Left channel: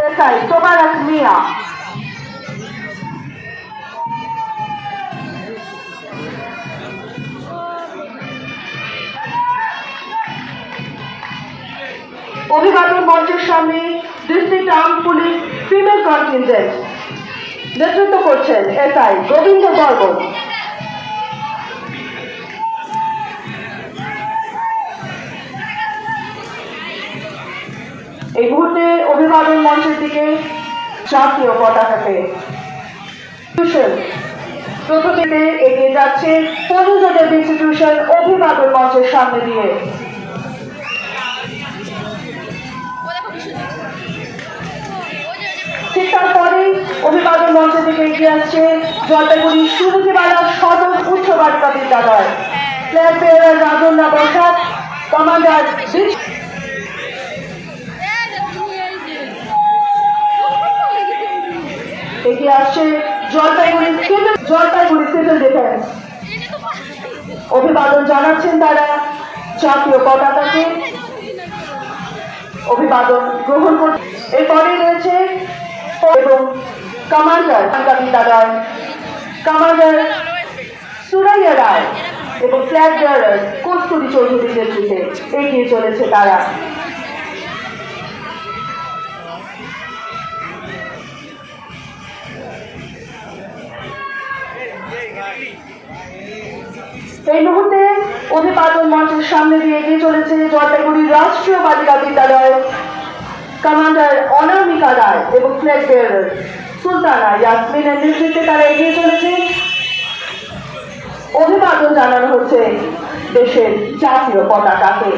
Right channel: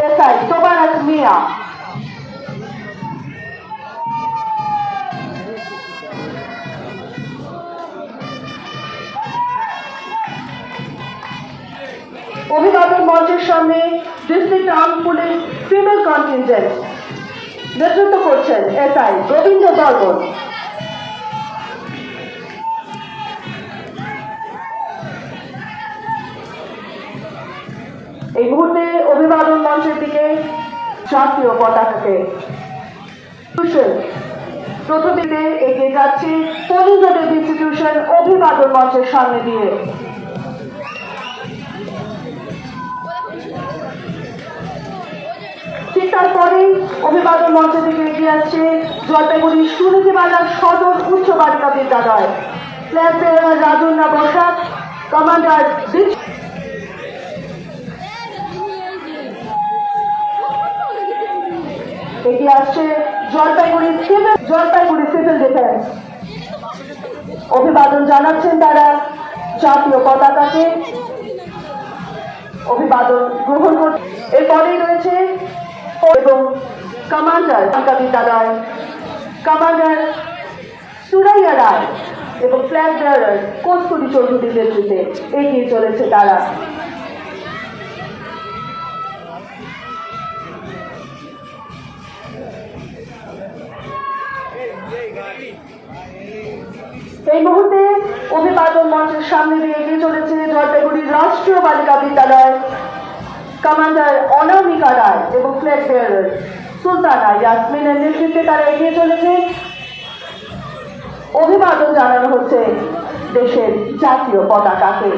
অভিবাদন মঞ্চের সামনে district arm police female contingent নেতৃত্ব করছেন এসআই রবীন্দ্র বর্মন। এই মুহূর্তে অভিবাদন মঞ্চের দিকে জাতীয় পতাকাকে প্রথমে এগিয়ে যাচ্ছে পরিজোটের ইনস্টিটিউশন অভিবাদন মঞ্চের সামনে দিয়ে। ঠিক তারপরে অভিবাদন মঞ্চের দিকে এগিয়ে আসছে জলপাইগুড়ি সুরুচিবাজার সদর উচ্চ বালিকা বিদ্যালয় ফ্ল্যাগ বেয়ারার রাজন্যা বসাক কমান্ডার এগিয়ে আসছে জলপাইগুড়ি সিভিল ডিফেন্স। অভিবাদন জানাচ্ছেন তারা জাতীয় পতাকাকে অভিবাদন গ্রহণ করছে। এরপরে রয়েছে এবং কমান্ডার বিদ্যালয় কমান্ডার সুরাইয়া রায় এবং ফ্ল্যাগ বেয়ারার কস্তুরী চৌধুরীর নেতৃত্বে এগিয়ে চলেছে তারা। এই মুহূর্তে অভিবাদন মঞ্চের সামনে দিয়ে এগিয়ে চলেছে জলপাইগুড়ির রাষ্ট্রীয় বালিকা বিদ্যালয় কমান্ডার অনামিকা রায় এবং ফ্ল্যাগ বেয়ারার সুলতানা ইয়াসমিনের নেতৃত্বে তারা এগিয়ে চলেছে। অভিবাদন জানানো হচ্ছে দেশের জাতীয় পতাকাকে।